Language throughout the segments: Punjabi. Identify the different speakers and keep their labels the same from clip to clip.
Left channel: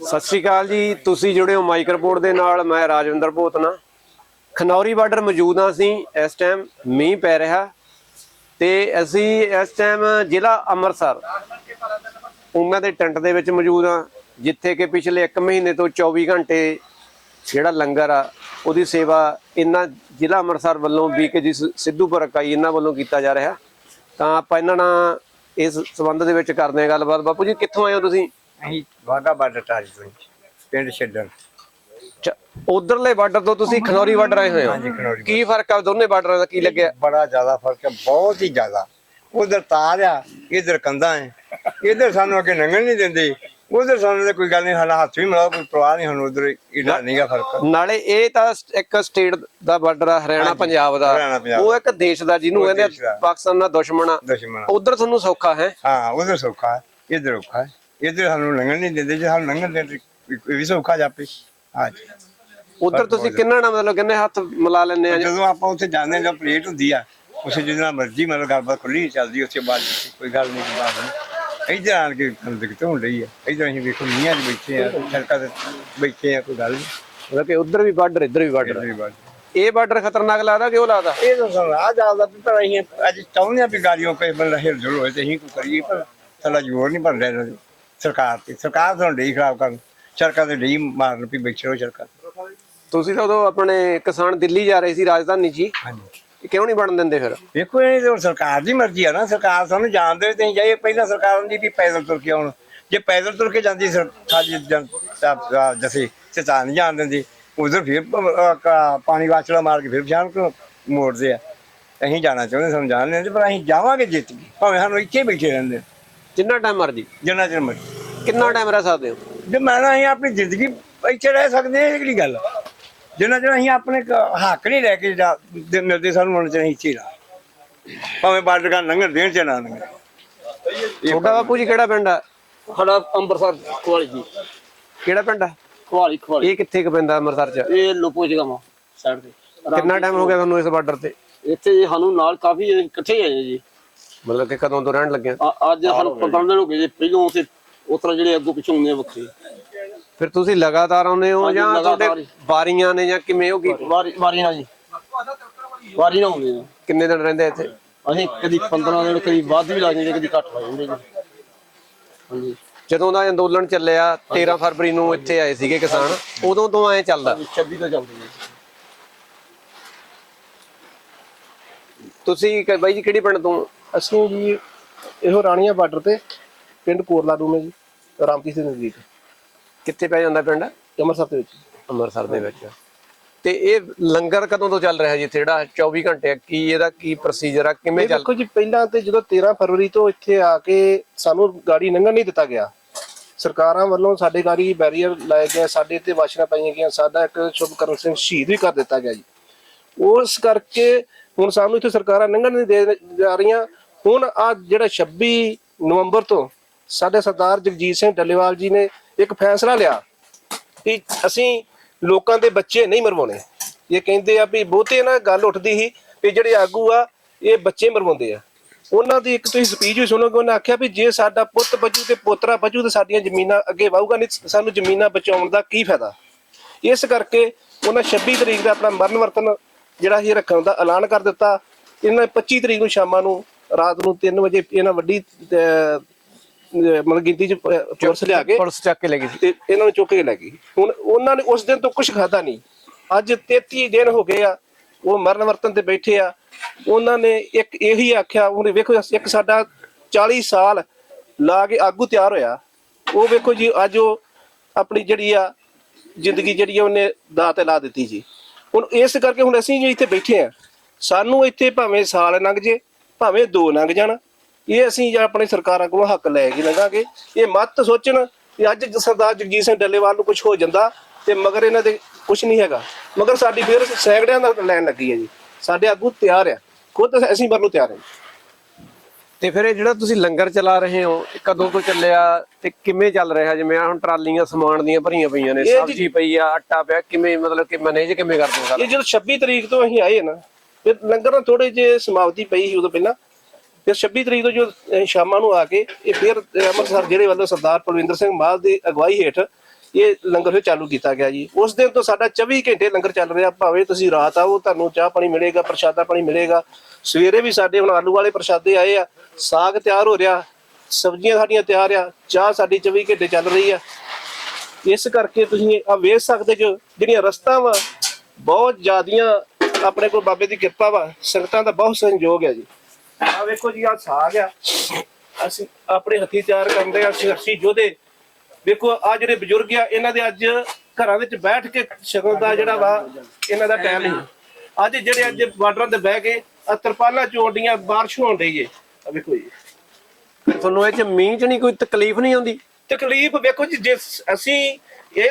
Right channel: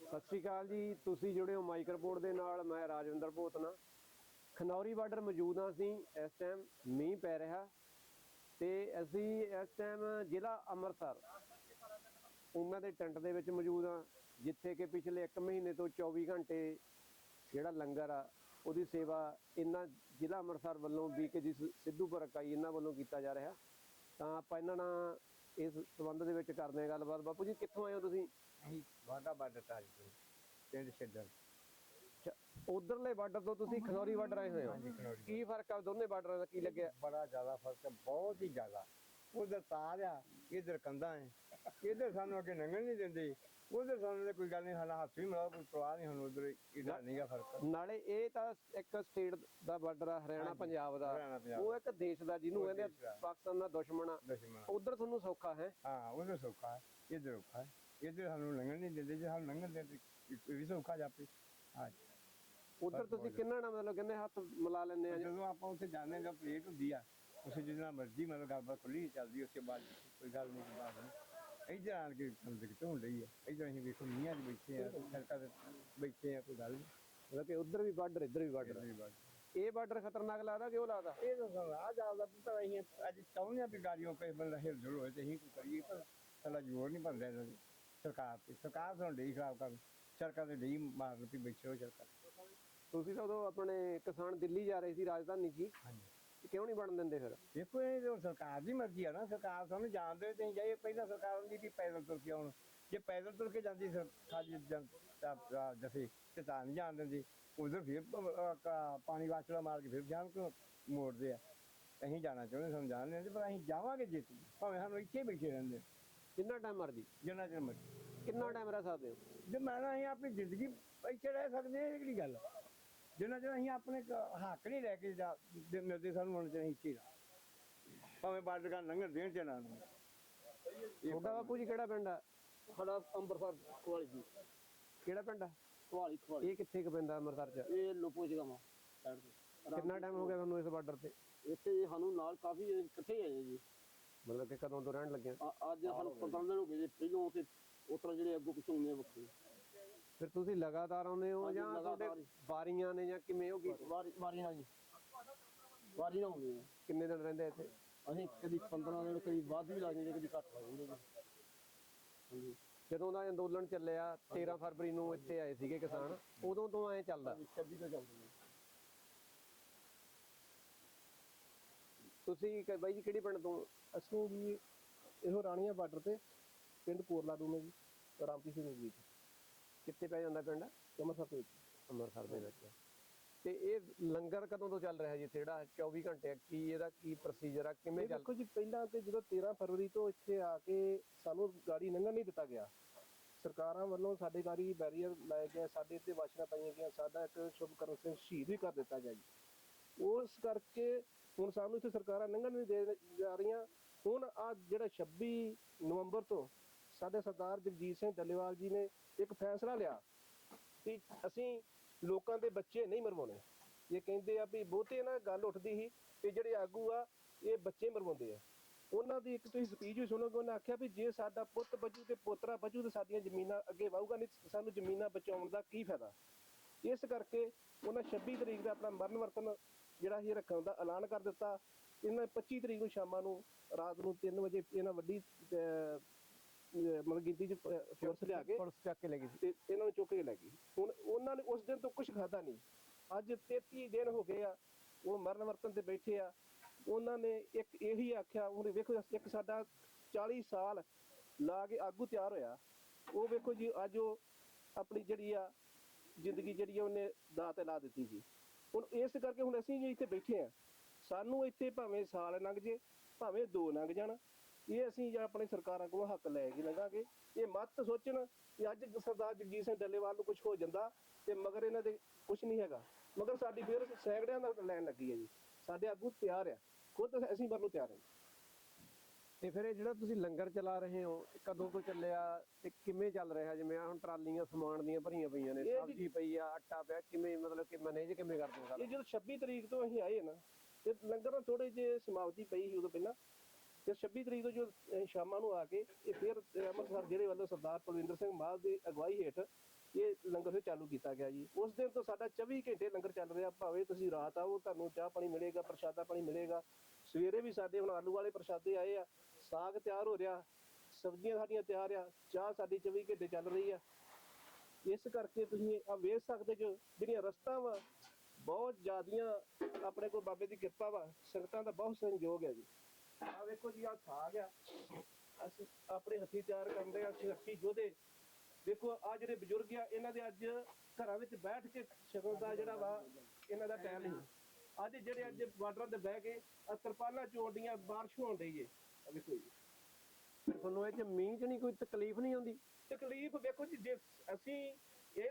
Speaker 1: ਸਤਿ ਸ਼੍ਰੀ ਅਕਾਲ ਜੀ, ਤੁਸੀਂ ਜੁੜੇ ਹੋ ਮਾਈਕ ਰਿਪੋਰਟ ਦੇ ਨਾਲ, ਮੈਂ ਰਾਜਵਿੰਦਰ ਭੋਤਨਾ। ਖਨੌਰੀ ਬਾਰਡਰ ਮੌਜੂਦ ਹਾਂ ਅਸੀਂ, ਇਸ ਟਾਈਮ ਮੀਂਹ ਪੈ ਰਿਹਾ। ਤੇ ਅਸੀਂ ਇਸ ਟਾਈਮ ਜ਼ਿਲ੍ਹਾ ਅੰਮ੍ਰਿਤਸਰ ਉਹਨਾਂ ਦੇ ਟੈਂਟ ਦੇ ਵਿੱਚ ਮੌਜੂਦ ਹਾਂ, ਜਿੱਥੇ ਕਿ ਪਿਛਲੇ 1 ਮਹੀਨੇ ਤੋਂ 24 ਘੰਟੇ ਜਿਹੜਾ ਲੰਗਰ ਆ, ਉਹਦੀ ਸੇਵਾ ਇਹਨਾਂ ਜ਼ਿਲ੍ਹਾ ਅੰਮ੍ਰਿਤਸਰ ਵੱਲੋਂ ਬੀਕੇ ਜੀ ਸਿੱਧੂਪੁਰ ਇਕਾਈ ਇਹਨਾਂ ਵੱਲੋਂ ਕੀਤਾ ਜਾ ਰਿਹਾ। ਤਾਂ ਆਪਾਂ ਇਹਨਾਂ ਨਾਲ ਇਸ ਸਬੰਧ ਦੇ ਵਿੱਚ ਕਰਦੇ ਹਾਂ ਗੱਲਬਾਤ। ਬਾਪੂ ਜੀ ਕਿੱਥੋਂ ਆਏ ਹੋ ਤੁਸੀਂ?
Speaker 2: ਅਸੀਂ ਵਾਗਾ ਬਾਰਡਰ ਟਾਰੀ ਤੋਂ ਜੀ, ਪਿੰਡ ਛੱਡਣ।
Speaker 1: ਉਧਰਲੇ ਬਾਰਡਰ ਤੋਂ ਤੁਸੀਂ ਖਨੌਰੀ ਬਾਰਡਰ ਆਏ ਹੋਏ
Speaker 2: ਹਾਂਜੀ,
Speaker 1: ਹੋ
Speaker 2: ਖਨੌਰੀ
Speaker 1: ਕੀ ਫ਼ਰਕ ਆ ਦੋਨੇ ਬਾਰਡਰਾਂ ਦਾ ਕੀ ਲੱਗਿਆ?
Speaker 2: ਬੜਾ ਜ਼ਿਆਦਾ ਫ਼ਰਕ ਹੈ ਬਹੁਤ ਹੀ ਜ਼ਿਆਦਾ। ਉਧਰ ਤਾਰ ਆ ਇਧਰ ਕੰਧਾਂ ਹੈ ਇਧਰ ਸਾਨੂੰ ਅੱਗੇ ਲੰਘਣ ਨਹੀਂ ਦਿੰਦੇ। ਉਧਰ ਸਾਨੂੰ ਤਾਂ ਕੋਈ ਗੱਲ ਨਹੀਂ ਸਾਡਾ ਹੱਥ ਵੀ ਮਿਲਾਓ ਕੋਈ ਪਰਵਾਹ ਨਹੀਂ ਸਾਨੂੰ ਉਧਰ ਇਹਦਾ ਨਹੀਂਗਾ ਫ਼ਰਕ।
Speaker 1: ਨਾਲੇ ਇਹ ਤਾਂ ਇੱਕ ਸਟੇਟ ਦਾ ਬਾਰਡਰ ਆ ਹਰਿਆਣਾ ਪੰਜਾਬ ਦਾ।
Speaker 2: ਹਰਿਆਣਾ, ਪੰਜਾਬ
Speaker 1: ਉਹ ਇੱਕ ਦੇਸ਼ ਦਾ ਜਿਹਨੂੰ
Speaker 2: ਉਹ
Speaker 1: ਕਹਿੰਦੇ
Speaker 2: ਦੇਸ਼ ਦਾ।
Speaker 1: ਆ, ਪਾਕਿਸਤਾਨ ਦਾ ਦੁਸ਼ਮਣ ਆ।
Speaker 2: ਦੁਸ਼ਮਣ
Speaker 1: ਉਧਰ ਤੁਹਾਨੂੰ ਸੌਖਾ ਹੈ?
Speaker 2: ਹਾਂ ਉਧਰ ਸੌਖਾ ਹੈ ਇਧਰ ਔਖਾ ਹੈ। ਇਧਰ ਸਾਨੂੰ ਲੰਘਣ ਨਹੀਂ ਦਿੰਦੇ ਜੇ ਸਾਨੂੰ ਲੰਘਣ ਦੇ ਇਹ ਵੀ ਸੌਖਾ ਜਾਪੇ ਹਾਂਜੀ।
Speaker 1: ਉਧਰ ਤੁਸੀਂ ਕਿੰਨਾ ਨਾ ਮਤਲਬ ਕਿੰਨੇ ਹੱਥ ਮਿਲਾ ਲੈਂਦੇ ਆ ਜੀ?
Speaker 2: ਜਦੋਂ ਆਪਾਂ ਉੱਥੇ ਜਾਂਦੇ ਹਾਂ, ਜਦੋਂ ਪਲੇਟ ਹੁੰਦੀ ਆ ਉਸੇ ਜਿੰਨਾ ਮਰਜ਼ੀ ਮਤਲਬ ਗੱਲਬਾਤ ਖੁੱਲੀ ਚੱਲਦੀ ਉੱਥੇ ਬਾਅਦ ਵਿੱਚ ਕੋਈ ਗੱਲ ਨਹੀਂ ਬਾਤ ਨਹੀਂ। ਇੱਧਰ ਆਣ ਕੇ ਸਾਨੂੰ ਦਿੱਕਤ ਹੋਣ ਰਹੀ ਆ? ਇੱਧਰ ਅਸੀਂ ਵੇਖੋ ਮੀਆਂ 'ਚ ਬੈਠੇ ਆ ਸੜਕਾਂ ਤੇ ਬੈਠੇ ਆ ਕੋਈ ਗੱਲ ਨਹੀਂ
Speaker 1: ਮਤਲਬ ਕਿ ਉਧਰ ਵੀ ਬਾਰਡਰ ਇੱਧਰ ਵੀ ਬਾਰਡਰ। ਇਹ ਬਾਰਡਰ ਖਤਰਨਾਕ ਲੱਗਦਾ ਕਿ ਉਹ ਲੱਗਦਾ?
Speaker 2: ਇਹ ਤਾਂ ਸਾਨੂੰ ਆ ਜਾਂਦਾ ਵੀ ਪਰ ਅਸੀਂ ਅੱਜ ਚਾਹੁੰਦੇ ਆ ਵੀ ਗਾੜੀਆਂ ਕੋਈ ਬੰਦਾ ਹਿਲ ਜੁਲ ਹੋਏ ਤੇ ਅਸੀਂ ਕੋਈ ਕਰੀਏ ਪਰ ਸਾਡਾ ਜ਼ੋਰ ਨਹੀਂ ਬਣ ਰਿਹਾ ਇਹਨਾਂ ਦੀ। ਸਰਕਾਰ ਤੇ ਸਰਕਾਰ ਸਾਨੂੰ ਡਈ ਖਰਾਬ ਕਰਨ। ਸੜਕਾਂ ਤੇ ਡਈ ਮਾਰਨ ਵੀ ਬੈਠੇ ਰਹੋ ਸੜਕਾਂ ਤੇ।
Speaker 1: ਤੁਸੀਂ ਤਾਂ ਉਦੋਂ ਆਪਣੇ ਕਿਸਾਨ ਦਿੱਲੀ ਜਾ ਰਹੇ ਸੀ ਰਾਜਧਾਨੀ ਹੀ।
Speaker 2: ਹਾਂਜੀ।
Speaker 1: ਕਿਉਂ ਨਹੀਂ ਬਣਨ ਦਿੰਦੇ ਫਿਰ?
Speaker 2: ਵੇਖੋ ਇਹ ਤਾਂ ਸਰਕਾਰ ਦੀ ਮਰਜ਼ੀ ਆ ਨਾ ਸਰਕਾਰ ਸਾਨੂੰ ਜਾਣਦੇ ਤੇ ਜਾਈਏ। ਪਹਿਲਾਂ ਸਰਕਾਰ ਹੁੰਦੀ ਵੀ ਪੈਦਲ ਤੁਰ ਕੇ ਆਉਣ। ਜੇ ਪੈਦਲ ਤੁਰ ਕੇ ਜਾਂਦੀ ਸਰ- ਸਾਡੀ ਜਨਤਾ ਜਸੇ ਤੇ ਤਾਂ ਨਹੀਂ ਜਾਣ ਦਿੰਦੀ। ਉਧਰ ਫਿਰ ਪਾਣੀ ਵਾਚੜਾ ਮਾਰ ਕੇ ਫਿਰ ਜਾਣ ਕੋ ਮੋੜਦੇ ਆ। ਅਸੀਂ ਜਾਣਾ ਚਾਹੁੰਦੇ ਸਾਨੂੰ ਜਾਣ ਲੈਂਦੇ ਪਰ ਅਸੀਂ ਜਾਵਾਂਗੇ ਜਿੱਤ ਕੇ। ਭਾਵੇਂ ਸਾਨੂੰ ਇੱਥੇ ਬੈਠੇ ਰਹਿੰਦੇ।
Speaker 1: ਜਿੰਨਾ ਟਾਈਮ ਮਰਜ਼ੀ।
Speaker 2: ਜਿੰਨਾ ਚਿਰ ਮਰਜ਼ੀ।
Speaker 1: ਕਿੰਨਾ ਟਾਈਮ ਰਹਿ ਸਕਦੇ ਹੋ?
Speaker 2: ਜੇ ਮੈਂ ਨਾ ਅਸੀਂ ਆਪਣੀ ਜ਼ਿੰਦਗੀ ਇੱਥੇ ਰਹਿ ਸਕਦੇ ਹਾਂ ਇਹ ਕਿਹੜੀ ਗੱਲ ਆ? ਜਿੰਨਾ ਚਿਰ ਅਸੀਂ ਆਪਣੇ ਕ- ਹੱਕ ਨਹੀਂ ਲੈ ਕੇ ਜਾ- ਦੇ- ਮਿਲਦੇ ਸਾਨੂੰ ਹੁਣ ਚਾਹੀਦੀ ਇੱਥੇ ਹੀ ਰਹਾਂ। ਭਾਵੇਂ ਬਾਰਡਰ ਕਾ ਲੰਘਣ ਦੇਣ ਚ ਨਾ ਲੰਘਣ।
Speaker 1: ਤੁਹਾਡਾ ਬਾਪੂ ਜੀ ਕਿਹੜਾ ਪਿੰਡ ਆ?
Speaker 3: ਸਾਡਾ ਅੰਮ੍ਰਿਤਸਰ ਖਵਾਲੀ ਜੀ।
Speaker 1: ਕਿਹੜਾ ਪਿੰਡ ਆ?
Speaker 3: ਖਵਾਲੀ ਖਵਾਲੀ।
Speaker 1: ਇਹ ਕਿੱਥੇ ਕੁ ਪੈਂਦਾ ਅੰਮ੍ਰਿਤਸਰ 'ਚ?
Speaker 3: ਇਹ ਲੋਪੋ ਜਗ੍ਹਾ ਮਾ ਸਾਈਡ ਤੇ।
Speaker 1: ਕਿੰਨਾ ਟਾਈਮ ਹੋ ਗਿਆ ਤੁਹਾਨੂੰ ਇਸ ਬਾਰਡਰ ਤੇ?
Speaker 3: ਇੱਥੇ ਜੀ ਸਾਨੂੰ ਨਾਲ ਕਾਫੀ ਇਕੱਠੇ ਆਏ ਜੀ।
Speaker 1: ਮਤਲਬ ਕਿ ਕਦੋਂ ਤੋਂ ਰਹਿਣ ਲੱਗੇ?
Speaker 3: ਅ- ਅੱਜ ਸਾਨੂੰ 15 ਦਿਨ ਹੋ ਗਏ ਜੀ। ਪਹਿਲੋਂ ਤੇ ਉਸ ਤਰ੍ਹਾਂ ਜਿਹੜੇ ਅੱਗੋਂ ਪਿੱਛੋਂ ਹੁੰਦੇ ਆ ਵੱਖਰੇ।
Speaker 1: ਫਿਰ ਤੁਸੀਂ ਲਗਾਤਾਰ ਆਉਂਦੇ ਹੋ
Speaker 3: ਹਾਂਜੀ,
Speaker 1: ਜਾਂ
Speaker 3: ਲਗਾਤਾਰ
Speaker 1: ਤੁਹਾਡੇ
Speaker 3: ਹੀ।
Speaker 1: ਵਾਰੀਆਂ ਨੇ ਜਾਂ ਕਿਵੇਂ ਹੋ ਗਈ
Speaker 3: ਵਾਰੀ ਵਾਰੀ ਨਾਲ ਜੀ। ਵਾਰੀ ਨਾਲ ਹੁੰਦੇ ਆ।
Speaker 1: ਕਿੰਨੇ ਦਿਨ ਰਹਿੰਦੇ ਇੱਥੇ?
Speaker 3: ਅਸੀਂ ਕਦੀ 15 ਦਿਨ ਕਦੀ ਵੱਧ ਵੀ ਲੱਗ ਜਾਂਦੇ ਕਦੀ ਘੱਟ ਲੱਗ ਜਾਂਦੇ ਜੀ। ਹਾਂਜੀ।
Speaker 1: ਜਦੋਂ ਦਾ ਅੰਦੋਲਨ ਚੱਲਿਆ 13 ਫਰਵਰੀ ਨੂੰ ਇੱਥੇ ਆਏ ਸੀਗੇ ਕਿਸਾਨ ਉਦੋਂ ਤੋਂ ਐ ਚੱਲਦਾ।
Speaker 3: 26 ਤੋਂ ਚੱਲਦੇ ਜੀ
Speaker 1: ਤੁਸੀਂ ਕ- ਬਾਈ ਜੀ ਕਿਹੜੀ ਪਿੰਡ ਤੋਂ?
Speaker 4: ਅਸੀਂ ਜੀ ਇਹੋ ਰਾਣੀਆਂ ਬਾਰਡਰ ਤੇ ਪਿੰਡ ਕੋਰਲਾ ਰੂਮ ਹੈ ਜੀ ਰਾਮਪੀਰ ਦੇ ਨਜ਼ਦੀਕ।
Speaker 1: ਕਿੱਥੇ ਪੈ ਜਾਂਦਾ ਪਿੰਡ?
Speaker 4: ਅੰਮ੍ਰਿਤਸਰ ਦੇ ਵਿੱਚ।
Speaker 1: ਅੰਮ੍ਰਿਤਸਰ ਦੇ ਵਿੱਚ। ਤੇ ਇਹ ਲੰਗਰ ਕਦੋਂ ਤੋਂ ਚੱਲ ਰਿਹਾ ਜੀ ਇੱਥੇ? ਜਿਹੜਾ 24 ਘੰਟੇ ਆ ਕੀ ਇਹਦਾ ਕੀ ਪ੍ਰੋਸੀਜਰ ਆ? ਕਿਵੇਂ
Speaker 4: ਇਹ
Speaker 1: ਚੱਲ
Speaker 4: ਦੇਖੋ ਜੀ ਪਹਿਲਾਂ ਤੇ ਜਦੋਂ 13 ਫਰਵਰੀ ਤੋਂ ਇੱਥੇ ਆ ਕੇ ਸਾਨੂੰ ਗਾੜੀ ਲੰਘਣ ਨਹੀਂ ਦਿੱਤਾ ਗਿਆ। ਸਰਕਾਰਾਂ ਵੱਲੋਂ ਸਾਡੇ ਗਾੜੀ ਬੈਰੀਅਰ ਲਾਏ ਗਏ ਸਾਡੇ ਤੇ ਵਾਸ਼ਨਾ ਪਾਈਆਂ ਗਈਆਂ ਸਾਡਾ ਇੱਕ ਸ਼ੁਭਕਰਨ ਸਿੰਘ ਸ਼ਹੀਦ ਵੀ ਕਰ ਦਿੱਤਾ ਗਿਆ ਜੀ। ਉਸ ਕਰਕੇ ਹੁਣ ਸਾਨੂੰ ਇੱਥੇ ਸਰਕਾਰਾਂ ਲੰਘਣ ਨਹੀਂ ਦੇ ਜਾ ਰਹੀਆਂ। ਹੁਣ ਆ ਜਿਹੜਾ 26 ਨਵੰਬਰ ਤੋਂ ਸਾਡੇ ਸਰਦਾਰ ਜਗਜੀਤ ਸਿੰਘ ਡੱਲੇਵਾਲ ਜੀ ਨੇ ਇੱਕ ਫੈਸਲਾ ਲਿਆ ਕਿ ਅਸੀਂ ਲੋਕਾਂ ਦੇ ਬੱਚੇ ਨਹੀਂ ਮਰਵਾਉਣੇ। ਇਹ ਕਹਿੰਦੇ ਆ ਵੀ ਬਹੁਤੇ ਨਾ ਗੱਲ ਉੱਠਦੀ ਸੀ ਵੀ ਜਿਹੜੇ ਆਗੂ ਆ, ਇਹ ਬੱਚੇ ਮਰਵਾਉਂਦੇ ਆ। ਉਹਨਾਂ ਦੀ ਇੱਕ ਤੁਸੀਂ ਸਪੀਚ ਵੀ ਸੁਣੋਗੇ, ਉਹਨਾਂ ਆਖਿਆ ਵੀ ਜੇ ਸਾਡਾ ਪੁੱਤ ਬਚੂ ਤੇ ਪੋਤਰਾ ਬਚੂ ਤੇ ਸਾਡੀਆਂ ਜ਼ਮੀਨਾਂ ਅੱਗੇ ਵਾਹੂਗਾ ਨਹੀਂ ਸਾਨੂੰ ਜ਼ਮੀਨਾਂ ਬਚਾਉਣ ਦਾ ਕੀ ਫਾਇਦਾ। ਇਸ ਕਰਕੇ ਉਹਨਾਂ 26 ਤਰੀਕ ਦਾ ਆਪਣਾ ਮਰਨ ਵਰਤਨ ਜਿਹੜਾ ਇਹ ਰੱਖਣ ਦਾ ਐਲਾਨ ਕਰ ਦਿੱਤਾ। ਇਹਨਾਂ ਨੇ 25 ਤਰੀਕ ਨੂੰ ਸ਼ਾਮਾਂ ਨੂੰ ਰਾਤ ਨੂੰ 3 ਵਜੇ ਇਹਨਾਂ ਵੱਡੀ ਮਤਲਬ ਗਿਣਤੀ ਚ ਫੋਰਸ ਲਿਆ ਕੇ
Speaker 1: ਪੁਲਿਸ ਚੱਕ ਕੇ ਲੈ ਗਈ ਸੀ।
Speaker 4: ਤੇ ਇਹਨਾਂ ਨੂੰ ਚੁੱਕ ਕੇ ਲੈ ਗਈ। ਹੁਣ ਉਹਨਾਂ ਨੇ ਉਸ ਦਿਨ ਤੋਂ ਕੁਝ ਖਾਦਾ ਨਹੀਂ। ਅੱਜ 33 ਦਿਨ ਹੋ ਗਏ ਆ ਉਹ ਮਰਨ ਵਰਤਨ ਤੇ ਬੈਠੇ ਆ। ਉਹਨਾਂ ਨੇ ਇੱਕ ਇਹੀ ਆਖਿਆ ਉਹਨੇ ਵੇਖੋ ਇੱਕ ਸਾਡਾ 40 ਸਾਲ ਲਾ ਕੇ ਆਗੂ ਤਿਆਰ ਹੋਇਆ। ਉਹ ਵੇਖੋ ਜੀ ਅੱਜ ਉਹ ਆਪਣੀ ਜਿਹੜੀ ਆ ਜ਼ਿੰਦਗੀ ਜਿਹੜੀ ਆ ਉਹਨੇ ਦਾਅ ਤੇ ਲਾ ਦਿੱਤੀ ਜੀ। ਹੁਣ ਇਸ ਕਰਕੇ ਹੁਣ ਅਸੀਂ ਜੀ ਇੱਥੇ ਬੈਠੇ ਆ। ਸਾਨੂੰ ਇੱਥੇ ਭਾਵੇਂ ਸਾਲ ਲੰਘ ਜੇ ਭਾਵੇਂ ਦੋ ਲੰਘ ਜਾਣ। ਇਹ ਅਸੀਂ ਜਾਂ ਆਪਣੇ ਸਰਕਾਰਾਂ ਕੋਲੋਂ ਹੱਕ ਲੈ ਕੇ ਲੰਘਾਂਗੇ। ਇਹ ਮਤ ਸੋਚਣ ਕਿ ਅੱਜ ਸਰਦਾਰ ਜਗਜੀਤ ਸਿੰਘ ਡੱਲੇਵਾਲ ਨੂੰ ਕੁਝ ਹੋ ਜਾਂਦਾ ਤੇ ਮਗਰ ਇਹਨਾਂ ਦੇ ਕੁਝ ਨਹੀਂ ਹੈਗਾ। ਮਗਰ ਸਾਡੀ ਫਿਰ ਸੈਂਕੜਿਆਂ ਦਾ ਲੈਣ ਲੱਗੀ ਹੈ ਜੀ। ਸਾਡੇ ਆਗੂ ਤਿਆਰ ਆ। ਖੁਦ ਅਸੀਂ ਮਰਨ ਨੂੰ ਤਿਆਰ ਹਾਂ
Speaker 1: ਤੇ ਫਿਰ ਇਹ ਜਿਹੜਾ ਤੁਸੀਂ ਲੰਗਰ ਚਲਾ ਰਹੇ ਹੋ ਇਹ ਕਦੋਂ ਤੋਂ ਚੱਲਿਆ ਤੇ ਕਿਵੇਂ ਚੱਲ ਰਿਹਾ? ਜਿਵੇਂ ਹੁਣ ਟਰਾਲੀਆਂ ਸਮਾਨ ਦੀਆਂ ਭਰੀਆਂ ਪਈਆਂ ਨੇ ਸਬਜ਼ੀ ਪਈ ਆ ਆਟਾ ਪਿਆ ਕਿਵੇਂ ਮਤਲਬ ਕਿ ਮੈਨੇਜ ਕਿਵੇਂ ਕਰਦੇ ਹੋ ਸਾਰਾ?
Speaker 4: ਇਹ ਜਦੋਂ 26 ਤਰੀਕ ਤੋਂ ਅਸੀਂ ਆਏ ਨਾ ਫਿਰ ਲੰਗਰ ਨਾਲ ਥੋੜੇ ਜੇ ਸਮਾਪਤੀ ਪਈ ਸੀ ਉਦੋਂ ਪਹਿਲਾਂ। ਫਿਰ 26 ਤਰੀਕ ਨੂੰ ਜੋ ਅਹ, ਸ਼ਾਮਾਂ ਨੂੰ ਆ ਕੇ ਇਹ ਫਿਰ ਅੰਮ੍ਰਿਤਸਰ ਜ਼ਿਲ੍ਹੇ ਵੱਲੋਂ ਸਰਦਾਰ ਪਰਵਿੰਦਰ ਸਿੰਘ ਮਾਲ ਦੀ ਅਗਵਾਈ ਹੇਠ ਇਹ ਲੰਗਰ ਫਿਰ ਚਾਲੂ ਕੀਤਾ ਗਿਆ ਜੀ। ਉਸ ਦਿਨ ਤੋਂ ਸਾਡਾ 24 ਘੰਟੇ ਲੰਗਰ ਚੱਲ ਰਿਹਾ ਭਾਵੇਂ ਤੁਸੀਂ ਰਾਤ ਆਓ ਤੁਹਾਨੂੰ ਚਾਹ ਪਾਣੀ ਮਿਲੇਗਾ ਪ੍ਰਸ਼ਾਦਾ ਪਾਣੀ ਮਿਲੇਗਾ। ਸਵੇਰੇ ਵੀ ਸਾਡੇ ਹੁਣ ਆਲੂ ਵਾਲੇ ਪ੍ਰਸ਼ਾਦੇ ਆਏ ਆ ਸਾਗ ਤਿਆਰ ਹੋ ਰਿਹਾ ਸਬਜ਼ੀਆਂ ਸਾਡੀਆਂ ਤਿਆਰ ਆ ਚਾਹ ਸਾਡੀ 24 ਘੰਟੇ ਚੱਲ ਰਹੀ ਆ। ਇਸ ਕਰਕੇ ਤੁਸੀਂ ਆ ਵੇਖ ਸਕਦੇ ਜੋ ਜਿਹੜੀਆਂ ਰਸਤਾ ਵਾ ਬਹੁਤ ਜ਼ਿਆਦੀਆਂ ਆਪਣੇ ਕੋਲ ਬਾਬੇ ਦੀ ਕਿਰਪਾ ਵਾ ਸੰਗਤਾਂ ਦਾ ਬਹੁਤ ਸੰਯੋਗ ਹੈ ਜੀ। ਆ ਵੇਖੋ ਜੀ ਆ ਸਾਗ ਆ। ਅਸੀਂ ਆਪਣੇ ਹੱਥੀ ਤਿਆਰ ਕਰਦੇ ਆ ਸੰਘਰਸ਼ੀ ਯੋਧੇ ਵੇਖੋ ਆ ਜਿਹੜੇ ਬਜ਼ੁਰਗ ਆ ਇਹਨਾਂ ਦੇ ਅੱਜ ਘਰਾਂ ਵਿੱਚ ਬੈਠ ਕੇ ਸ਼ਕਲ ਦਾ ਜਿਹੜਾ ਵਾ ਇਹਨਾਂ ਦਾ ਟਾਈਮ ਨਹੀਂ। ਅੱਜ ਜਿਹੜੇ ਅੱਜ ਬਾਰਡਰਾਂ ਤੇ ਬਹਿ ਕੇ ਆ ਤਰਪਾਲਾਂ ਚੋਂਡੀਆਂ ਬਾਰਿਸ਼ ਹੋਣ ਰਹੀ ਏ। ਆ ਵੇਖੋ ਜੀ।
Speaker 1: ਤੁਹਾਨੂੰ ਇਹ ਚ ਮੀਂਹ ਚ ਨਹੀਂ ਕੋਈ ਤਕਲੀਫ ਨਹੀਂ ਆਉਂਦੀ?
Speaker 4: ਤਕਲੀਫ ਵੇਖੋ ਜੀ ਜੇ ਅਸੀਂ ਇਹ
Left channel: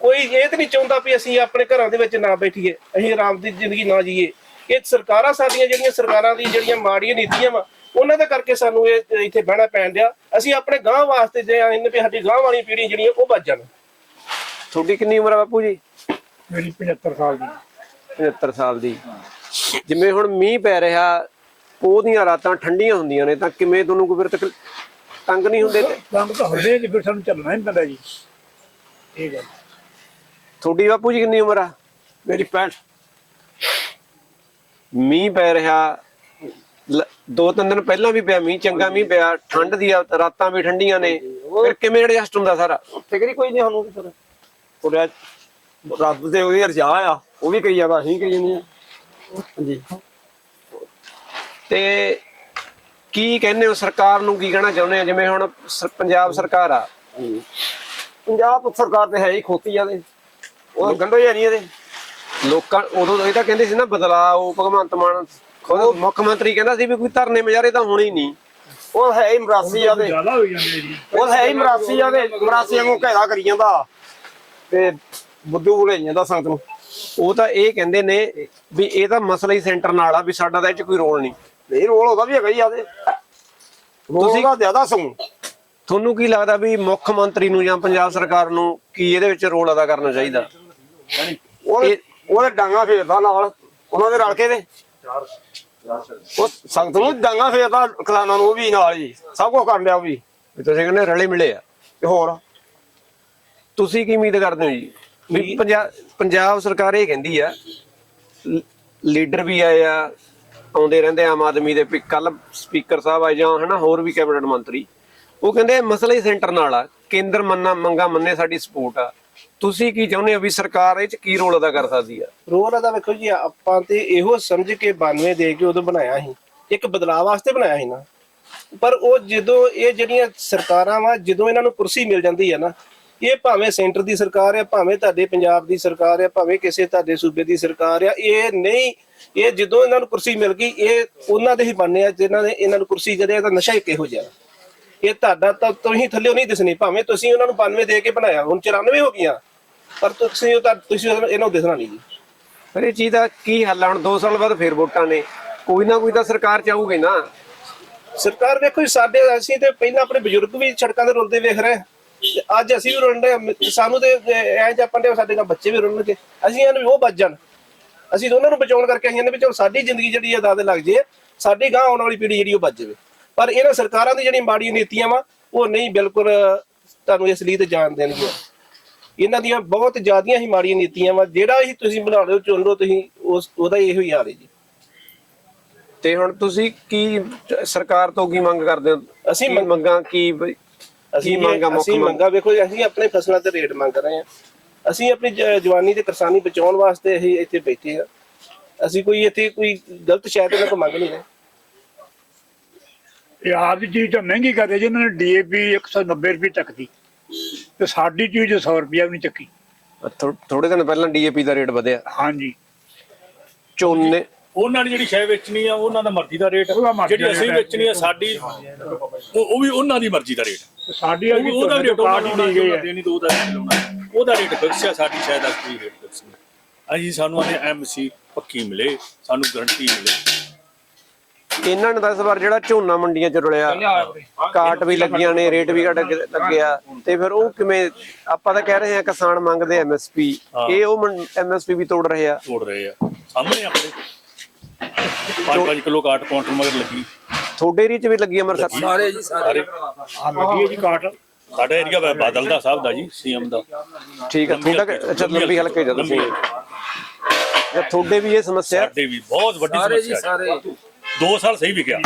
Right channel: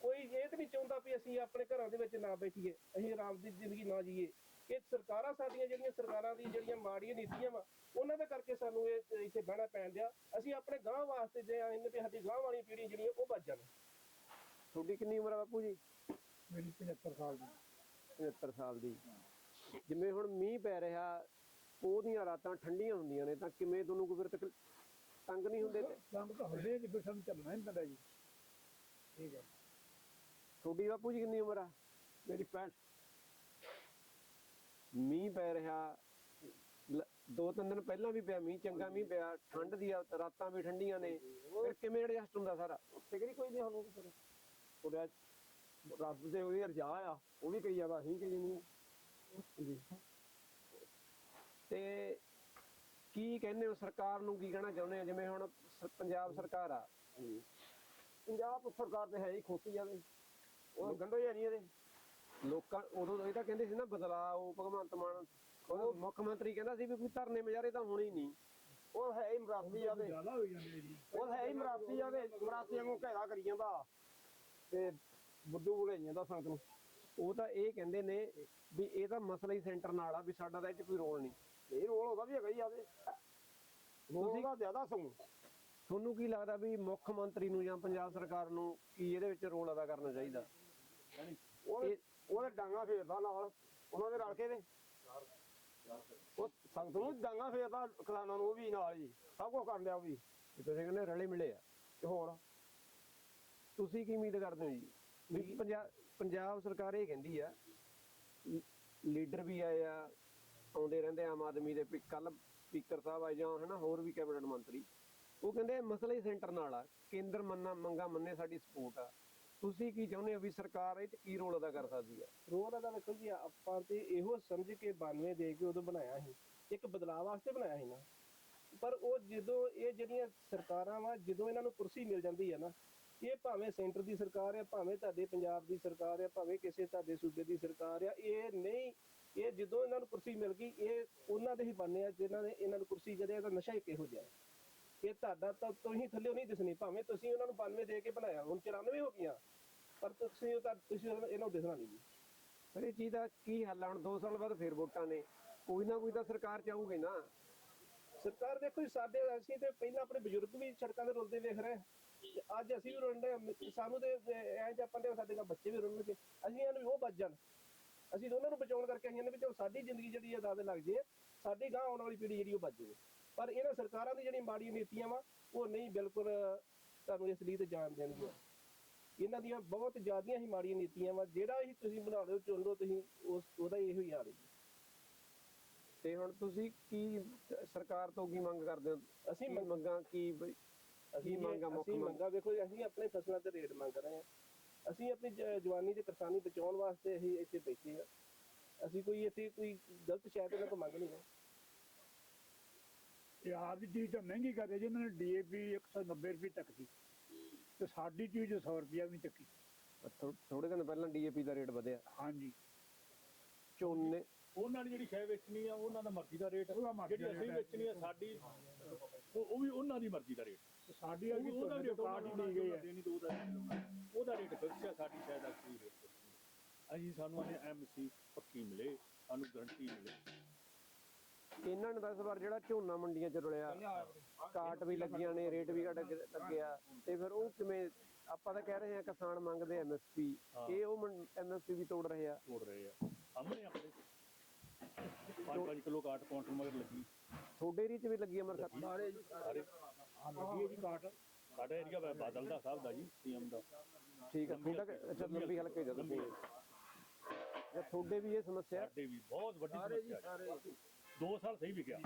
Speaker 4: ਕੋਈ ਇਹ ਤਾਂ ਨਹੀਂ ਚਾਹੁੰਦਾ ਵੀ ਅਸੀਂ ਆਪਣੇ ਘਰਾਂ ਦੇ ਵਿੱਚ ਨਾ ਬੈਠੀਏ ਅਸੀਂ ਆਰਾਮ ਦੀ ਜ਼ਿੰਦਗੀ ਨਾ ਜੀਏ। ਇਹ ਸਰਕਾਰਾਂ ਸਾਡੀਆਂ ਜਿਹੜੀਆਂ ਸਰਕਾਰਾਂ ਦੀ ਜਿਹੜੀਆਂ ਮਾੜੀਆਂ ਨੀਤੀਆਂ ਵਾ ਉਹਨਾਂ ਦਾ ਕਰਕੇ ਸਾਨੂੰ ਇਹ ਇੱਥੇ ਬਹਿਣਾ ਪੈਣ ਡਿਆ। ਅਸੀਂ ਆਪਣੇ ਗਾਂ ਵਾਸਤੇ ਜੇ ਇਹਨਾਂ ਵੀ ਸਾਡੀ ਗਾਂ ਵਾਲੀ ਪੀੜ੍ਹੀ ਜਿਹੜੀ ਉਹ ਬਚ ਜਾਣ।
Speaker 1: ਤੁਹਾਡੀ ਕਿੰਨੀ ਉਮਰ ਆ ਬਾਪੂ ਜੀ?
Speaker 5: ਮੇਰੀ 75 ਸਾਲ ਦੀ।
Speaker 1: 75 ਸਾਲ ਦੀ। ਜਿਵੇਂ ਹੁਣ ਮੀਂਹ ਪੈ ਰਿਹਾ ਉਹਦੀਆਂ ਰਾਤਾਂ ਠੰਡੀਆਂ ਹੁੰਦੀਆਂ ਨੇ ਤਾਂ ਕਿਵੇਂ ਤੁਹਾਨੂੰ ਕੋਈ ਫਿਰ ਤੰਗ ਨਹੀਂ ਹੁੰਦੇ ਤੇ
Speaker 5: ਕੰਮ ਤਾਂ ਹੁੰਦੇ ਜੀ ਫਿਰ ਸਾਨੂੰ ਚੱਲਣਾ ਹੀ ਪੈਂਦਾ ਜੀ। ਇਹ ਗੱਲ।
Speaker 1: ਤੁਹਾਡੀ ਬਾਪੂ ਜੀ ਕਿੰਨੀ ਉਮਰ ਆ?
Speaker 3: ਮੇਰੀ 65
Speaker 1: ਮੀਂਹ ਪੈ ਰਿਹਾ। ਦੋ ਤਿੰਨ ਦਿਨ ਪਹਿਲਾਂ ਵੀ ਪਿਆ ਮੀਂਹ ਚੰਗਾ ਮੀਂਹ ਪਿਆ। ਠੰਡ ਦੀ ਆ, ਰਾਤਾਂ ਵੀ ਠੰਡੀਆਂ ਨੇ। ਫਿਰ ਕਿਵੇਂ ਐਡਜਸਟ ਹੁੰਦਾ ਸਾਰਾ?
Speaker 3: ਫਿਕਰ ਕੋਈ ਨਹੀਂ ਸਾਨੂੰ ਫਿਰ। ਉਹਦਾ ਰੱਬ ਤੇ ਉਹਦੀ ਰਜਾ ਆ ਉਹ ਵੀ ਕਰੀ ਜਾਂਦਾ ਅਸੀਂ ਕਰੀ ਜਾਂਦੇ ਆ। ਹਾਂਜੀ।
Speaker 1: ਤੇ ਕੀ ਕਹਿੰਦੇ ਹੋ ਸਰਕਾਰ ਨੂੰ ਕੀ ਕਹਿਣਾ ਚਾਹੁੰਦੇ ਆ ਜਿਵੇਂ ਹੁਣ ਪੰਜਾਬ ਸਰਕਾਰ ਆ।
Speaker 3: ਪੰਜਾਬ ਸਰਕਾਰ ਤੇ ਹੈ ਹੀ ਖੋਤੀ ਆ ਦੇ ਉਹ ਗੰਡੋ ਹੀ ਨਹੀਂ ਇਹਦੇ।
Speaker 1: ਲੋਕਾਂ ਉਦੋਂ ਇਹ ਤਾਂ ਕਹਿੰਦੇ ਸੀ ਨਾ ਬਦਲਾਅ ਭਗਵੰਤ ਮਾਨ ਖੁਦ ਮੁੱਖ ਮੰਤਰੀ ਕਹਿੰਦਾ ਸੀ ਵੀ ਕੋਈ ਧਰਨੇ ਮੁਜ਼ਾਹਰੇ ਤਾਂ ਹੋਣੇ ਹੀ ਨਹੀਂ।
Speaker 3: ਉਹ ਹੈ ਹੀ ਮਰਾਸੀ ਆ ਦੇ।
Speaker 5: ਜ਼ਿਆਦਾ ਹੋ ਜਾਂਦੇ ਜੀ।
Speaker 3: ਉਹ ਹੈ ਹੀ ਮਰਾਸੀ ਆ ਦੇ। ਮਰਾਸੀਆਂ ਨੂੰ ਘੇਰਾ ਕਰੀ ਜਾਂਦਾ। ਤੇ ਬੁੱਧੂ ਬੁਲੇ ਜਾਂਦਾ ਸੰਗਤ ਨੂੰ।
Speaker 1: ਉਹ ਤਾਂ ਇਹ ਕਹਿੰਦੇ ਨੇ ਵੀ ਇਹ ਤਾਂ ਮਸਲਾ ਹੀ ਸੈਂਟਰ ਨਾਲ ਆ ਵੀ ਸਾਡਾ ਤਾਂ ਇਹ ਚ ਕੋਈ ਰੋਲ ਨਹੀਂ।
Speaker 3: ਨਹੀਂ ਰੋਲ ਉਹਦਾ ਵੀ ਹੈਗਾ ਹੀ ਆ ਦੇ। ਤੁਸੀਂ ਦਾ ਜ਼ਿਆਦਾ ਸੌ
Speaker 1: ਤੁਹਾਨੂੰ ਕੀ ਲੱਗਦਾ ਵੀ ਮੁੱਖ ਮੰਤਰੀ ਨੂੰ ਜਾਂ ਪੰਜਾਬ ਸਰਕਾਰ ਨੂੰ ਕੀ ਇਹਦੇ ਵਿੱਚ ਰੋਲ ਅਦਾ ਕਰਨਾ ਚਾਹੀਦਾ?
Speaker 3: ਉਹਦੇ ਉਹਦੇ ਡਾਂਗਾ ਫੇਰਦਾ ਨਾਲ ਉਹਨਾਂ ਦੇ ਰਲ ਕੇ ਦੇ। ਉਹ ਸੰਗਤ ਨੂੰ ਡਾਂਗਾ ਫੇਰਦਾ ਕਿਸਾਨਾਂ ਨੂੰ ਉਹ ਵੀ ਨਾਲ ਜੀ ਸਭ ਕੁਝ ਕਰਨ ਡਿਆ ਉਹ ਵੀ।
Speaker 1: ਵੀ ਤੁਸੀਂ ਕਹਿੰਦੇ ਰਲੇ ਮਿਲੇ ਆ।
Speaker 3: ਤੇ ਹੋਰ?
Speaker 1: ਤੁਸੀਂ ਕੀ ਉਮੀਦ ਕਰਦੇ ਹੋ ਜੀ? ਵੀ ਪੰਜਾਬ ਸਰਕਾਰ ਇਹ ਕਹਿੰਦੀ ਆ ਲੀਡਰ ਵੀ ਆਏ ਆ ਆਉਂਦੇ ਰਹਿੰਦੇ ਆ ਆਮ ਆਦਮੀ ਦੇ ਕੱਲ ਸਪੀਕਰ ਸਾਹਿਬ ਆਏ ਜਾਂ ਹਨਾ ਹੋਰ ਵੀ ਕੈਬਨਿਟ ਮੰਤਰੀ। ਉਹ ਕਹਿੰਦੇ ਮਸਲਾ ਹੀ ਸੈਂਟਰ ਨਾਲ ਆ ਕੇਂਦਰ ਮੰਨਾ ਮੰਗਾ ਮੰਨੇ ਸਾਡੀ ਸਪੋਰਟ ਆ। ਤੁਸੀਂ ਕੀ ਚਾਹੁੰਦੇ ਹੋ ਵੀ ਸਰਕਾਰ ਇਹ ਚ ਕੀ ਰੋਲ ਅਦਾ ਕਰ ਸਕਦੀ ਆ?
Speaker 4: ਰੋਲ ਅਦਾ ਵੇਖੋ ਜੀ, ਆਪਾਂ ਤੇ ਇਹੋ ਸਮਝ ਕੇ 92 ਦੇ ਕੇ ਉਦੋਂ ਬਣਾਇਆ ਸੀ। ਇੱਕ ਬਦਲਾਅ ਵਾਸਤੇ ਬਣਾਇਆ ਸੀ ਨਾ। ਪਰ ਉਹ ਜਦੋਂ ਇਹ ਜਿਹੜੀਆਂ ਸਰਕਾਰਾਂ ਵਾ, ਜਦੋਂ ਇਹਨਾਂ ਨੂੰ ਕੁਰਸੀ ਮਿਲ ਜਾਂਦੀ ਆ ਨਾ, ਇਹ ਭਾਵੇਂ ਸੈਂਟਰ ਦੀ ਸਰਕਾਰ ਹੈ ਭਾਵੇਂ ਤੁਹਾਡੇ ਪੰਜਾਬ ਦੀ ਸਰਕਾਰ ਹੈ ਭਾਵੇਂ ਕਿਸੇ ਤੁਹਾਡੇ ਸੂਬੇ ਦੀ ਸਰਕਾਰ ਹੈ ਇਹ ਨਹੀਂ, ਇਹ ਜਦੋਂ ਇਹਨਾਂ ਨੂੰ ਕੁਰਸੀ ਮਿਲ ਗਈ, ਇਹ ਉਹਨਾਂ ਦੇ ਹੀ ਬਣਨੇ ਆ, ਜਿਨ੍ਹਾਂ ਨੇ ਇਹਨਾਂ ਨੂੰ ਕੁਰਸੀ ਜਿਹੜੇ ਇਹਦਾ ਨਸ਼ਾ ਹੀ ਕਿਹੋ ਜਿਹਾ। ਇਹ ਤੁਹਾਡਾ ਤਾਂ ਤੁਸੀਂ ਥੱਲੇ ਨਹੀਂ ਦਿਸਣੀ, ਭਾਵੇਂ ਤੁਸੀਂ ਉਹਨਾਂ ਨੂੰ 92 ਦੇ ਕੇ ਬਣਾਇਆ, ਹੁਣ 94 ਹੋ ਗਈਆਂ। ਪਰ ਤੁਸੀਂ ਉਹ ਤਾਂ ਤੁਸੀਂ ਇਹਨਾਂ ਨੂੰ ਦਿਸਣਾ ਨਹੀਂ ਜੀ।
Speaker 1: ਪਰ ਇਹ ਚੀਜ਼ ਦਾ ਕੀ ਹੱਲ ਆ? ਹੁਣ 2 ਸਾਲ ਬਾਅਦ ਫੇਰ ਵੋਟਾਂ ਨੇ। ਕੋਈ ਨਾ ਕੋਈ ਤਾਂ ਸਰਕਾਰ ਚਾਹੂਗੀ ਨਾ।
Speaker 4: ਸਰਕਾਰ ਵੇਖੋ ਜੀ, ਸਾਡੇ ਅਸੀਂ ਤੇ ਪਹਿਲਾਂ ਆਪਣੇ ਬਜ਼ੁਰਗ ਵੀ ਸੜਕਾਂ ਤੇ ਰੁਲਦੇ ਵੇਖ ਰਹੇ। ਤੇ ਅੱਜ ਅਸੀਂ ਵੀ ਰੁਲਦੇ ਹਾਂ। ਸਾਨੂੰ ਤੇ ਐ ਜਪਣ ਦੇ ਸਾਡੇ ਨਾਲ ਬੱਚੇ ਵੀ ਰੁਲਣਗੇ। ਅਸੀਂ ਇਹਨਾਂ ਨੂੰ ਉਹ ਬਚ ਜਾਣ। ਅਸੀਂ ਉਹਨਾਂ ਨੂੰ ਬਚਾਉਣ ਕਰਕੇ ਆਈਆਂ ਨੇ ਵੀ ਚਲੋ ਸਾਡੀ ਜ਼ਿੰਦਗੀ ਜਿਹੜੀ ਆ ਦਾਦੇ ਲੱਗ ਜੇ ਸਾਡੀ ਗਾਂ ਆਉਣ ਵਾਲੀ ਪੀੜ੍ਹੀ ਜਿਹੜੀ ਉਹ ਬਚ ਜਾਵੇ। ਪਰ ਇਹਨਾਂ ਸਰਕਾਰਾਂ ਦੀ ਜਿਹੜੀਆਂ ਮਾੜੀਆਂ ਨੀਤੀਆਂ ਵਾ ਉਹ ਨਹੀਂ ਬਿਲਕੁਲ ਤੁਹਾਨੂੰ ਇਸ ਲਈ ਤੇ ਜਾਣ ਦੇਣਗੀਆਂ। ਇਹਨਾਂ ਦੀਆਂ ਬਹੁਤ ਜ਼ਿਆਦੀਆਂ ਹੀ ਮਾੜੀਆਂ ਨੀਤੀਆਂ ਵਾ ਜਿਹੜਾ ਹੀ ਤੁਸੀਂ ਬਣਾ ਲਿਓ ਚੁਣ ਲਓ ਤੁਸੀਂ ਉਸ ਉਹਦਾ ਇਹੋ ਹੀ ਹਾਲ ਹੈ ਜੀ।
Speaker 1: ਤੇ ਹੁਣ ਤੁਸੀਂ ਕੀ ਸਰਕਾਰ ਤੋਂ ਕੀ ਮੰਗ ਕਰਦੇ ਹੋ?
Speaker 4: ਅਸੀਂ ਮੰਗ-
Speaker 1: ਕੀ
Speaker 4: ਅਸੀਂ
Speaker 1: ਮੰਗਾਂ ਮੁੱਖ
Speaker 4: ਅਸੀਂ
Speaker 1: ਮੰਗ
Speaker 4: ਵੇਖੋ ਜੀ, ਅਸੀਂ ਆਪਣੇ ਫਸਲਾਂ ਤੇ ਰੇਟ ਮੰਗ ਰਹੇ ਹਾਂ। ਅਸੀਂ ਆਪਣੀ ਜ- ਜਵਾਨੀ ਤੇ ਕਿਸਾਨੀ ਬਚਾਉਣ ਵਾਸਤੇ ਅਸੀਂ ਇੱਥੇ ਬੈਠੇ ਹਾਂ। ਅਸੀਂ ਕੋਈ ਇੱਥੇ ਕੋਈ ਗਲਤ ਸ਼ਾਇਦ ਇਹਨਾਂ ਤੋਂ ਮੰਗ ਨਹੀਂ ਰਹੇ।
Speaker 5: ਇਹ ਆਪ ਦੀ ਚੀਜ਼ ਤਾਂ ਮਹਿੰਗੀ ਕਰਦੇ ਜੀ ਇਹਨਾਂ ਨੇ ਡੀਏਪੀ 190 ਰੁਪਏ ਚੱਕਦੀ ਤੇ ਸਾਡੀ ਚੀਜ਼ 100 ਰੁਪਿਆ ਵੀ ਨਹੀਂ ਚੱਕੀ।
Speaker 1: ਥੋੜੇ ਦਿਨ ਪਹਿਲਾਂ ਡੀਏਪੀ ਦਾ ਰੇਟ ਵਧਿਆ।
Speaker 5: ਹਾਂਜੀ।
Speaker 1: ਝੋਨੇ
Speaker 6: ਉਹਨਾਂ ਨੇ ਜਿਹੜੀ ਸ਼ੈ ਵੇਚਣੀ ਆ ਉਹਨਾਂ ਦਾ ਮਰਜ਼ੀ ਦਾ ਰੇਟ। ਜਿਹੜੀ
Speaker 5: ਦਾ
Speaker 6: ਅਸੀਂ। ਵੇਚਣੀ ਆ ਸਾਡੀ ਉਹ ਉਹ ਵੀ ਉਹਨਾਂ ਦੀ ਮਰਜ਼ੀ ਦਾ ਰੇਟ।
Speaker 5: ਸਾਡੀ
Speaker 6: ਵੀ ਉਹਦਾ ਰੇਟ ਉਹਨਾਂ
Speaker 5: ਹੈ
Speaker 6: ਦੇਣੀ ਤਾਂ ਉਹਦਾ ਰੇਟ ਲਾਉਣਾ ਉਹਦਾ ਰੇਟ ਫਿਕਸ ਆ ਸਾਡੀ ਸ਼ਾਇਦ ਅਸਲੀ ਰੇਟ ਫਿਕਸ ਨਹੀਂ ਅਸੀਂ ਸਾਨੂੰ ਆਨੇ ਐਮਸੀ ਪੱਕੀ ਮਿਲੇ ਸਾਨੂੰ ਗਰੰਟੀ ਮਿਲੇ।
Speaker 1: ਇਹਨਾਂ ਨੇ ਤਾਂ ਇਸ ਵਾਰ ਜਿਹੜਾ ਝੋਨਾ ਮੰਡੀਆਂ 'ਚ ਰੁਲਿਆ ਕਾਟ ਵੀ ਲੱਗੀਆਂ ਨੇ ਰੇਟ ਵੀ ਘਟ ਲੱਗਿਆ ਤੇ ਫਿਰ ਉਹ ਕਿਵੇਂ ਆਪਾਂ ਤਾਂ ਕਹਿ ਰਹੇ ਹਾਂ ਕਿਸਾਨ ਮੰਗਦੇ ਐਮਐਸਪੀ ਇਹ ਉਹ ਐਮਐਸਪੀ ਵੀ ਤੋੜ ਰਹੇ ਆ।
Speaker 6: ਤੋੜ ਰਹੇ ਆ। ਸਾਹਮਣੇ ਆਪਣੇ। 5-5 ਕਿਲੋ ਕਾਟ ਕਾਊਂਟਰ ਮਗਰ ਲੱਗੀ।
Speaker 1: ਤੁਹਾਡੇ ਏਰੀਏ 'ਚ ਵੀ ਲੱਗੀ ਅੰਮ੍ਰਿਤਸਰ
Speaker 6: ਸਾਰੇ ਆ ਲੱਗੀ ਹੈ ਜੀ ਕਾਟ। ਸਾਡਾ ਏਰੀਆ ਬਾਦਲ ਦਾ ਸਾਹਿਬ ਦਾ ਜੀ ਸੀਐਮ ਦਾ।
Speaker 1: ਠੀਕ ਹੈ ਤੁਹਾਡਾ ਕਿ- ਅੱਛਾ ਲੰਬੀ ਹਲਕੇ ਜਦੋਂ ਤੁਸੀਂ ਜਾਂ ਤੁਹਾਡੇ ਵੀ ਇਹ ਸਮੱਸਿਆ?
Speaker 6: ਸਾਡੇ ਵੀ ਬਹੁਤ ਵੱਡੀ ਸਮੱਸਿਆ ਸਾਰੇ। 2 ਸਾਲ ਸਹੀ ਵਿਕਿਆ।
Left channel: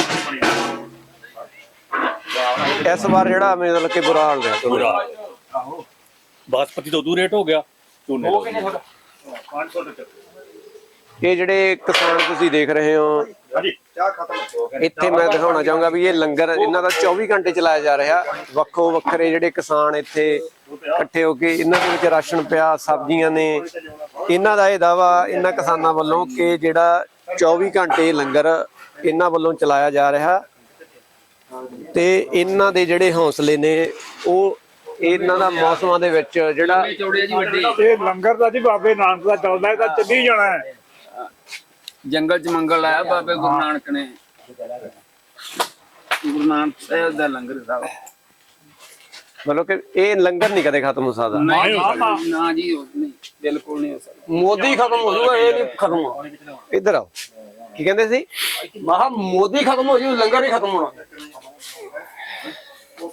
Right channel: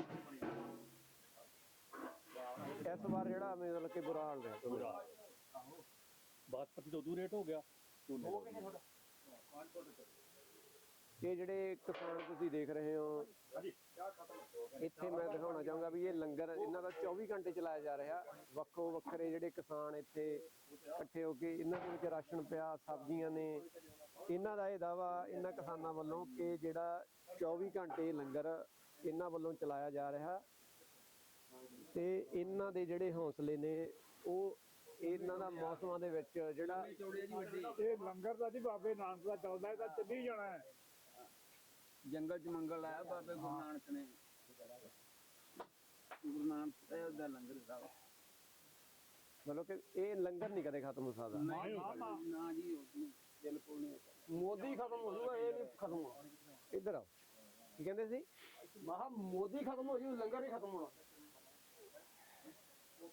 Speaker 1: ਇਸ ਵਾਰ ਜਿਹੜਾ ਮਤਲਬ ਕਿ ਬੁਰਾ ਹਾਲ ਰਿਹਾ।
Speaker 6: ਪੂਰਾ ਬਾਸਪਤੀ ਤੋਂ ਦੂਰ ਰੇਟ ਹੋ ਗਿਆ। ਝੋਨੇ ਦਾ 500 ਦੇ
Speaker 1: ਇਹ ਜਿਹੜੇ ਕਿਸਾਨ ਤੁਸੀਂ ਦੇਖ ਰਹੇ ਹੋ ਇੱਥੇ ਮੈਂ ਦਿਖਾਉਣਾ ਚਾਹੂੰਗਾ ਵੀ ਇਹ ਲੰਗਰ ਇਹਨਾਂ ਦਾ 24 ਘੰਟੇ ਚਲਾਇਆ ਜਾ ਰਿਹਾ। ਵੱਖੋ ਵੱਖਰੇ ਜਿਹੜੇ ਕਿਸਾਨ ਇੱਥੇ ਇਕੱਠੇ ਹੋ ਕੇ ਇਹਨਾਂ ਦੇ ਵਿੱਚ ਰਾਸ਼ਨ ਪਿਆ ਸਬਜ਼ੀਆਂ ਨੇ। ਇਹਨਾਂ ਦਾ ਇਹ ਦਾਵਾ ਇਹਨਾਂ ਕਿਸਾਨਾਂ ਵੱਲੋਂ ਕਿ ਜਿਹੜਾ 24 ਘੰਟੇ ਲੰਗਰ ਇਹਨਾਂ ਵੱਲੋਂ ਚਲਾਇਆ ਜਾ ਰਿਹਾ। ਤੇ ਇਹਨਾਂ ਦੇ ਜਿਹੜੇ ਹੌਸਲੇ ਨੇ ਉਹ ਇਹਨਾਂ ਦਾ ਮੌਸਮਾਂ ਦੇ ਵਿੱਚ ਜਿਹੜਾ
Speaker 5: ਇਹ ਲੰਗਰ ਦਾ ਜੀ ਬਾਬੇ ਨਾਨਕ ਦਾ ਚੱਲਦਾ ਇਹ ਤਾਂ ਚੱਲੀ ਜਾਣਾ ਹੈ।
Speaker 7: ਜੰਗਲ ਚ ਮੰਗਲ ਆਇਆ ਬਾਬੇ ਗੁਰੂ ਨਾਨਕ ਨੇ। ਗੁਰੂ ਨਾਨਕ ਸਾਹਿਬ ਦਾ ਲੰਗਰ ਸਾਹਿਬ
Speaker 1: ਮਤਲਬ ਕਿ ਇਹ ਲੰਗਰ ਨਹੀਂ ਕਦੇ ਖਤਮ ਹੋ ਸਕਦਾ।
Speaker 7: ਨਾ ਜੀ ਉਹ ਨਹੀਂ ਬਿਲਕੁਲ ਨਹੀਂ ਹੋ ਸਕਦਾ।
Speaker 3: ਮੋਦੀ ਖਤਮ ਹੋ ਜੂਗਾ ਇਹ ਨਹੀਂ ਖਤਮ ਹੋਣਾ।
Speaker 1: ਇੱਧਰ ਆਓ। ਕੀ ਕਹਿੰਦੇ ਸੀ?
Speaker 3: ਮਹਾ ਮੋਦੀ ਖਤਮ ਹੋ ਜੂ ਲੰਗਰ ਨਹੀਂ ਖਤਮ ਹੋਣਾ।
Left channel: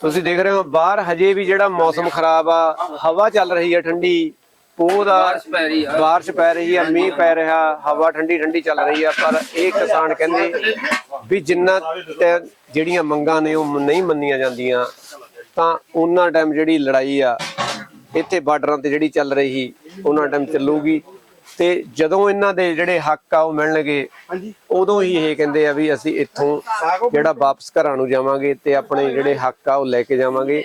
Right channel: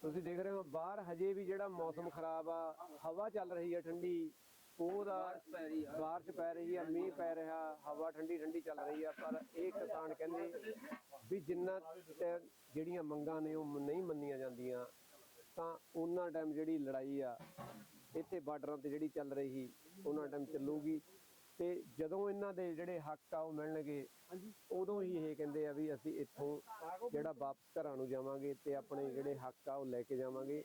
Speaker 1: ਤੁਸੀਂ ਦੇਖ ਰਹੇ ਹੋ ਬਾਹਰ ਹਜੇ ਵੀ ਜਿਹੜਾ ਮੌਸਮ ਖਰਾਬ ਆ ਹਵਾ ਚੱਲ ਰਹੀ ਹੈ ਠੰਡੀ ਪੋਹ ਦਾ
Speaker 7: ਬਾਰਿਸ਼ ਪੈ ਰਹੀ ਆ।
Speaker 1: ਮੀਂਹ ਪੈ ਰਿਹਾ ਹਵਾ ਠੰਡੀ ਠੰਡੀ ਚੱਲ ਰਹੀ ਆ ਪਰ ਇਹ ਕਿਸਾਨ ਕਹਿੰਦੇ ਵੀ ਜਿੰਨਾ ਜਿਹੜੀਆਂ ਮੰਗਾਂ ਨੇ ਉਹ ਨਹੀਂ ਮੰਨੀਆਂ ਜਾਂਦੀਆਂ ਤਾਂ ਉਹਨਾਂ ਟਾਈਮ ਜਿਹੜੀ ਲੜਾਈ ਆ ਇੱਥੇ ਬਾਰਡਰਾਂ ਤੇ ਜਿਹੜੀ ਚੱਲ ਰਹੀ ਉਹਨਾਂ ਟਾਈਮ ਚੱਲੂਗੀ। ਤੇ ਜਦੋਂ ਇਹਨਾਂ ਦੇ ਜਿਹੜੇ ਹੱਕ ਆ ਉਹ ਮਿਲਣਗੇ ਉਦੋਂ ਹੀ ਇਹ ਕਹਿੰਦੇ ਆ ਵੀ ਅਸੀਂ ਇੱਥੋਂ ਜਿਹੜਾ ਵਾਪਸ ਘਰਾਂ ਨੂੰ ਜਾਵਾਂਗੇ ਤੇ ਆਪਣੇ ਜਿਹੜੇ ਹੱਕ ਆ ਉਹ ਲੈ ਕੇ ਜਾਵਾਂਗੇ।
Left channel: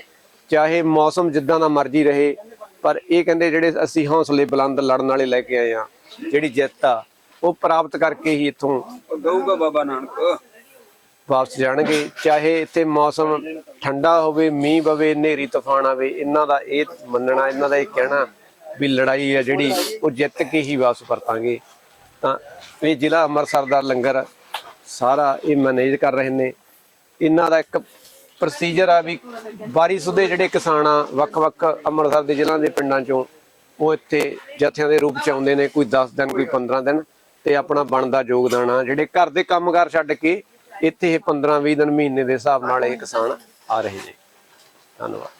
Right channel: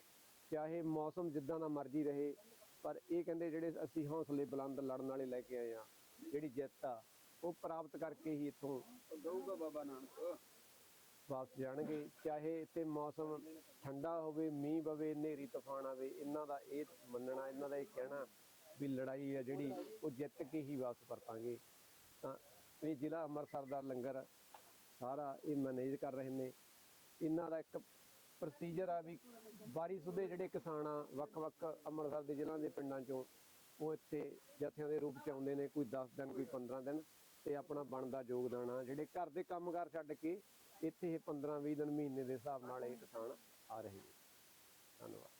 Speaker 1: ਚਾਹੇ ਮੌਸਮ ਜਿੱਦਾਂ ਦਾ ਮਰਜ਼ੀ ਰਹੇ ਪਰ ਇਹ ਕਹਿੰਦੇ ਜਿਹੜੇ ਅਸੀਂ ਹੌਸਲੇ ਬੁਲੰਦ ਲੜਨ ਵਾਲੇ ਲੈ ਕੇ ਆਏ ਆ ਜਿਹੜੀ ਜਿੱਤ ਆ ਉਹ ਪ੍ਰਾਪਤ ਕਰਕੇ ਹੀ ਇੱਥੋਂ
Speaker 7: ਦਊਗਾ ਬਾਬਾ ਨਾਨਕ।
Speaker 1: ਵਾਪਸ ਜਾਣਗੇ। ਚਾਹੇ ਇੱਥੇ ਮੌਸਮ ਠੰਡਾ ਹੋਵੇ ਮੀਂਹ ਪਵੇ ਹਨੇਰੀ ਤੂਫਾਨ ਆਵੇ ਇਹਨਾਂ ਦਾ ਇਹ ਮੰਨਣਾ ਇਹਨਾਂ ਦਾ ਇਹ ਕਹਿਣਾ ਵੀ ਲੜਾਈ ਆ ਜਿਹੜੀ ਉਹ ਜਿੱਤ ਕੇ ਹੀ ਵਾਪਸ ਪਰਤਾਂਗੇ ਤਾਂ ਇਹ ਜ਼ਿਲ੍ਹਾ ਅੰਮ੍ਰਿਤਸਰ ਦਾ ਲੰਗਰ ਸਾਰਾ ਇਹ ਮੈਨੇਜ ਕਰ ਰਹੇ ਨੇ। ਇਹਨਾਂ ਦਾ ਇੱਕ ਪ੍ਰੋਸੀਜਰ ਆ ਵੀ ਬਾਰਿਸ਼ ਦੇ ਜਿਹੜੇ ਕਿਸਾਨ ਆ, ਵੱਖ-ਵੱਖ ਅੰਮ੍ਰਿਤਸਰ ਦੇ ਜ਼ਿਲ੍ਹਾ ਦੇ ਪਿੰਡਾਂ ਚੋਂ ਉਹ ਇੱਥੇ ਜਥਿਆਂ ਦੇ ਰੂਪ ਚ ਆਉਂਦੇ ਨੇ, ਕੋਈ 10 ਦਿਨ, ਕੋਈ 15 ਦਿਨ ਤੇ ਆਪਣਾ ਬਣਦਾ ਯੋਗਦਾਨ ਆ। ਜਿਹੜੇ ਘਰ ਦੇ ਕੰਮਕਾਰ ਛੱਡ ਕੇ ਇੱਥੇ ਇਹ 15 20 ਦਿਨ ਮਹੀਨੇ ਦੇ ਹਿਸਾਬ ਨਾਲ ਇਹ ਕਿਸਾਨ ਆ ਰਹੇ ਨੇ। ਧੰਨਵਾਦ।